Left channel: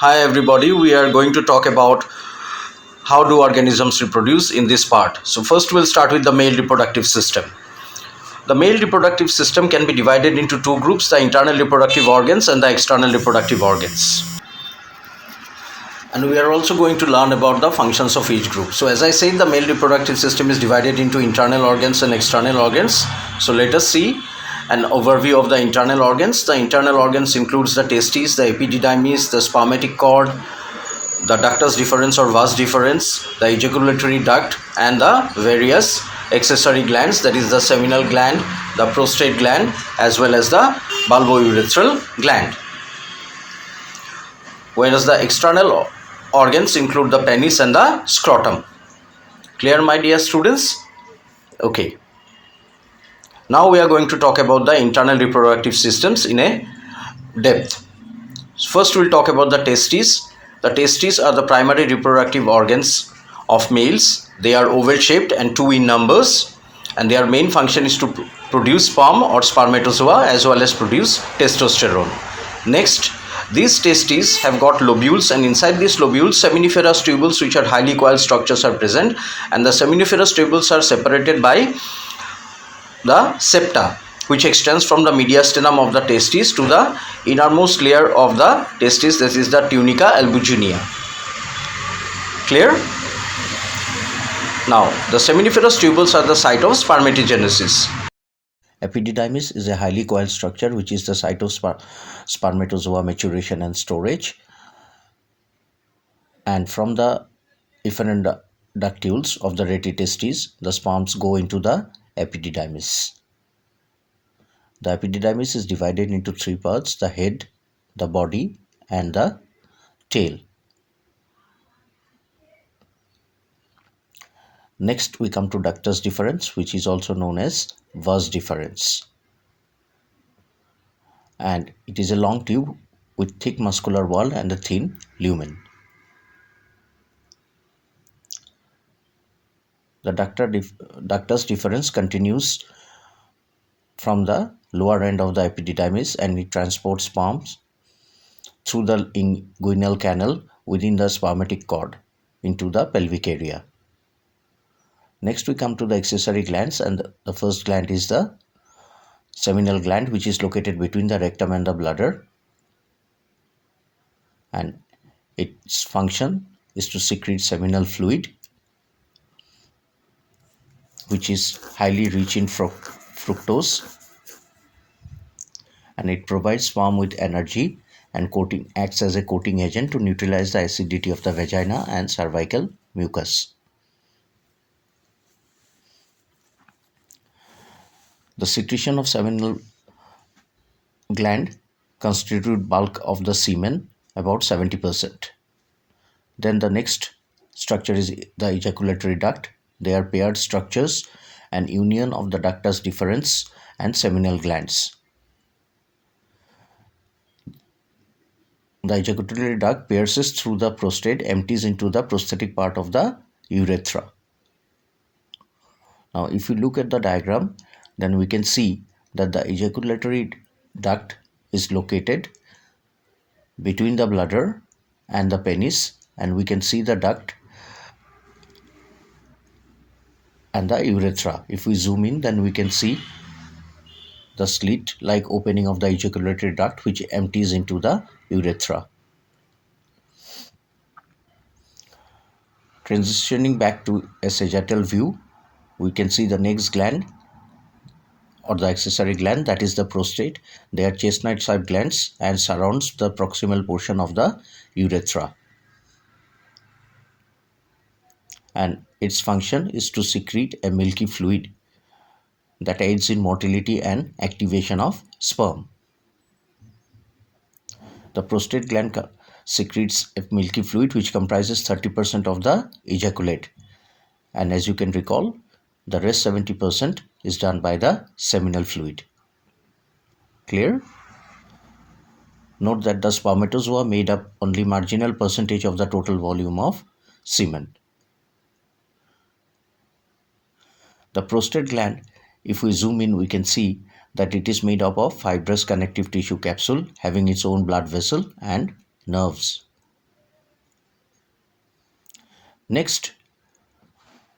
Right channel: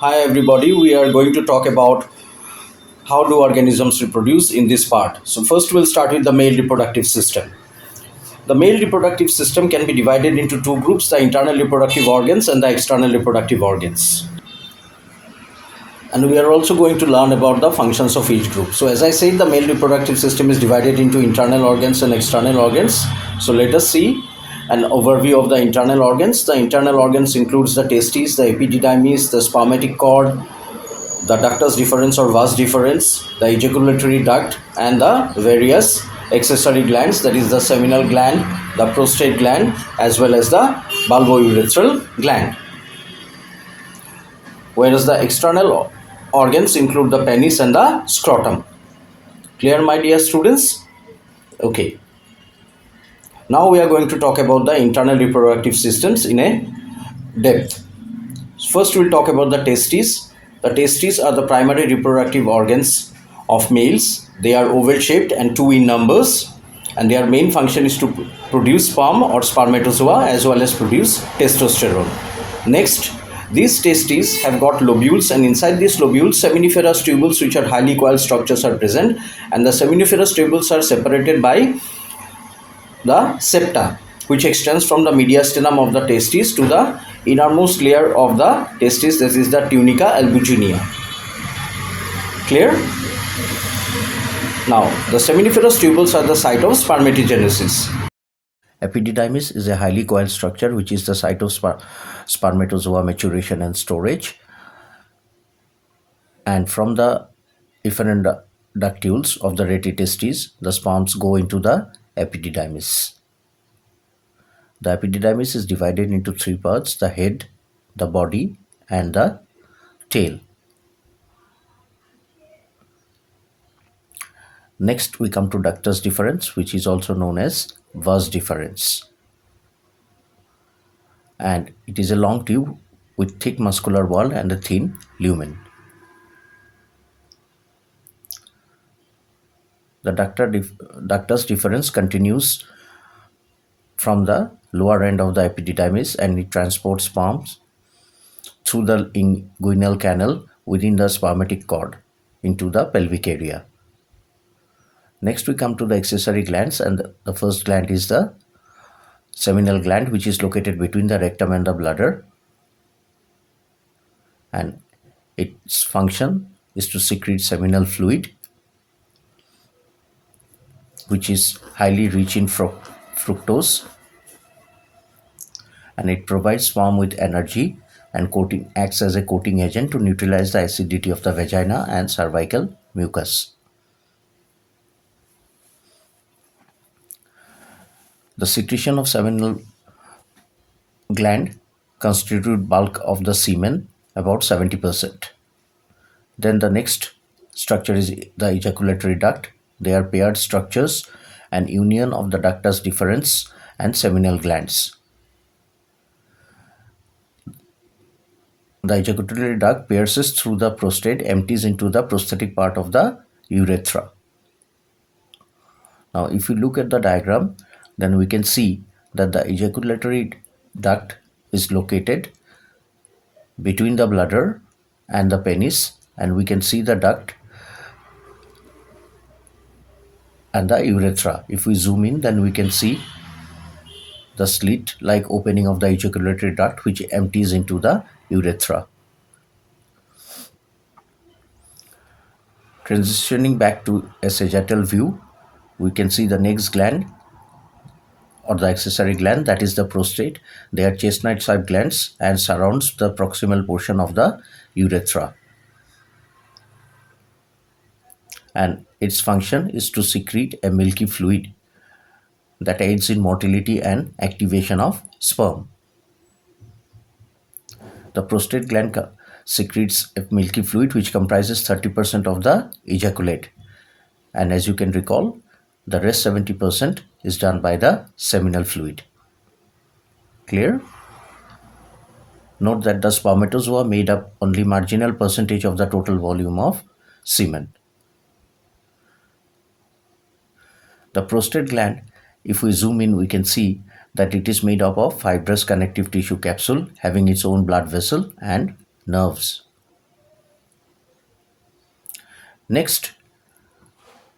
Hi everybody, we are going to talk about how do organisms reproduce in this part. So first we'll start with the male reproductive system. The male reproductive system can be divided into two groups, the internal reproductive organs and the external reproductive organs. And we are also going to learn about the functions of each group. So as I said, the male reproductive system is divided into internal organs and external organs. So let us see an overview of the internal organs. The internal organs includes the testes, the epididymis, the spermatic cord, the ductus deferens or vas deferens, the ejaculatory duct, and the various accessory glands, that is the seminal gland, the prostate gland, as well as the bulbourethral gland. Whereas the external organs include the penis and the scrotum. Clear, my dear students? Okay. Now we are going to talk about the internal reproductive systems in a depth. First, we'll talk about the testes. The testes are the primary reproductive organs of males. They are oval shaped and two in numbers, and their main function is to produce sperm or spermatozoa as well as produce testosterone. Next, these testes have got lobules, and inside these lobules seminiferous tubules which are highly coiled structures are present, and the seminiferous tubules are separated by the septa, which extends from the mediastinum of the testes to the innermost layer of the testes, that is the tunica albuginea. Clear? Now, the seminiferous tubules are the site of spermatogenesis. Epididymis is a highly coiled structure which is the site of spermatozoa maturation and storage. And from the efferent ductules of the retitestes, the sperms go into the epididymis. The epididymis is divided into three parts: the head, the body, and the tail. Next, we come to ductus deferens, which is also known as vas deferens. And it is a long tube with thick muscular wall and a thin lumen. The ductus deferens continues from the lower end of the epididymis, and it transports sperms through the inguinal canal within the spermatic cord into the pelvic area. Next, we come to the accessory glands, and the first gland is the seminal gland, which is located between the rectum and the bladder, and its function is to secrete seminal fluid, which is highly rich in fructose, and it provides sperm with energy and acts as a coating agent to neutralize the acidity of the vagina and cervical mucus. The secretion of seminal gland constitute bulk of the semen, about 70%. Then the next structure is the ejaculatory duct. They are paired structures and union of the ductus deferens and seminal glands. The ejaculatory duct pierces through the prostate, empties into the prostatic part of the urethra. Now, if you look at the diagram, then we can see that the ejaculatory duct is located between the bladder and the penis, and we can see the duct and the urethra. If we zoom in, then we can see the slit-like opening of the ejaculatory duct which empties into the urethra. Transitioning back to a sagittal view, we can see the next gland or the accessory gland, that is the prostate. They are chestnut-shaped glands and surrounds the proximal portion of the urethra. And its function is to secrete a milky fluid that aids in motility and activation of sperm. The prostate gland secretes a milky fluid which comprises 30% of the ejaculate. And as you can recall, the rest 70% is done by the seminal fluid. Clear? Note that the spermatozoa made up only marginal percentage of the total volume of semen. The prostate gland, if we zoom in, we can see that it is made up of fibrous connective tissue capsule having its own blood vessel and nerves. Next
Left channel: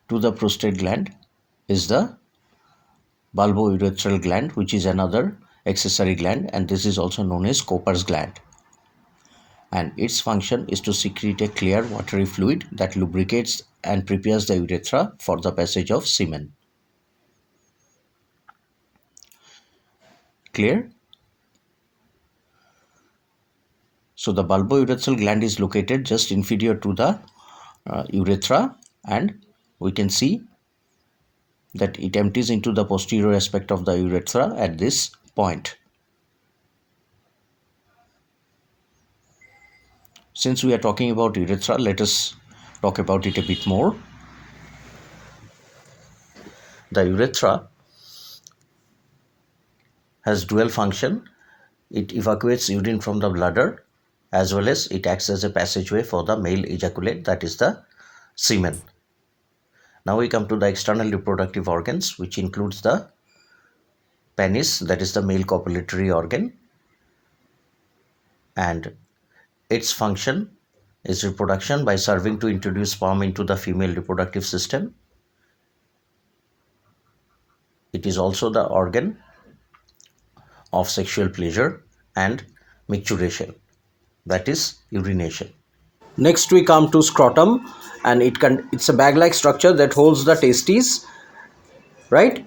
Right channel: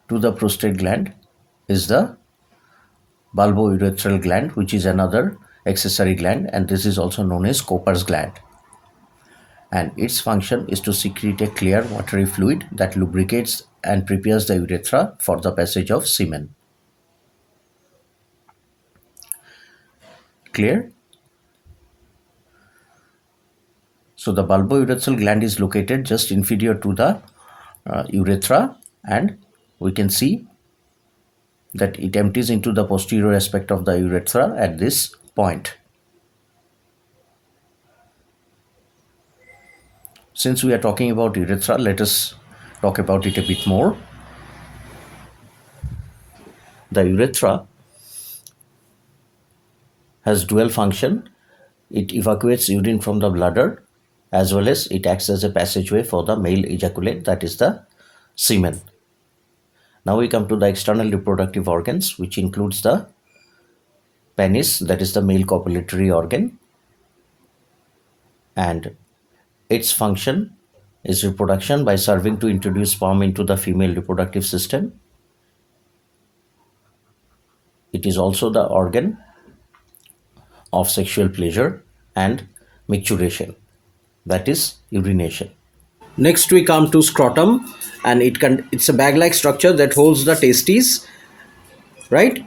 to the prostate gland is the bulbourethral gland, which is another accessory gland, and this is also known as Cooper's gland. And its function is to secrete a clear watery fluid that lubricates and prepares the urethra for the passage of semen. Clear? So the bulbourethral gland is located just inferior to the urethra, and we can see that it empties into the posterior aspect of the urethra at this point. Since we are talking about urethra, let us talk about it a bit more. The urethra has dual function. It evacuates urine from the bladder, as well as it acts as a passageway for the male ejaculate, that is the semen. Now we come to the external reproductive organs, which includes the penis, that is the male copulatory organ, and its function is reproduction by serving to introduce sperm into the female reproductive system. It is also the organ of sexual pleasure and micturition, that is urination. Next we come to scrotum, and it's a bag-like structure that holds the testes, right?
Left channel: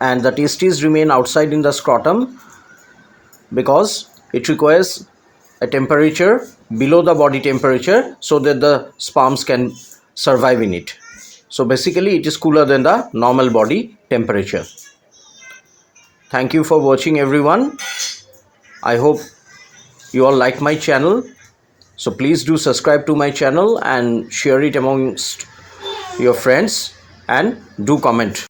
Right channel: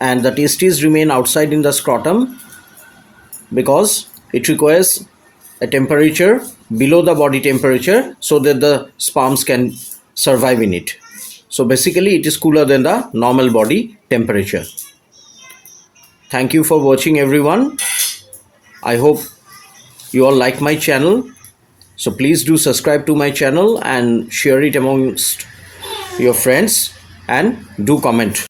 And the testes remain outside in the scrotum because it requires a temperature below the body temperature so that the sperms can survive in it. So basically it is cooler than the normal body temperature. Thank you for watching, everyone. I hope you all like my channel. So please do subscribe to my channel and share it amongst your friends, and do comment.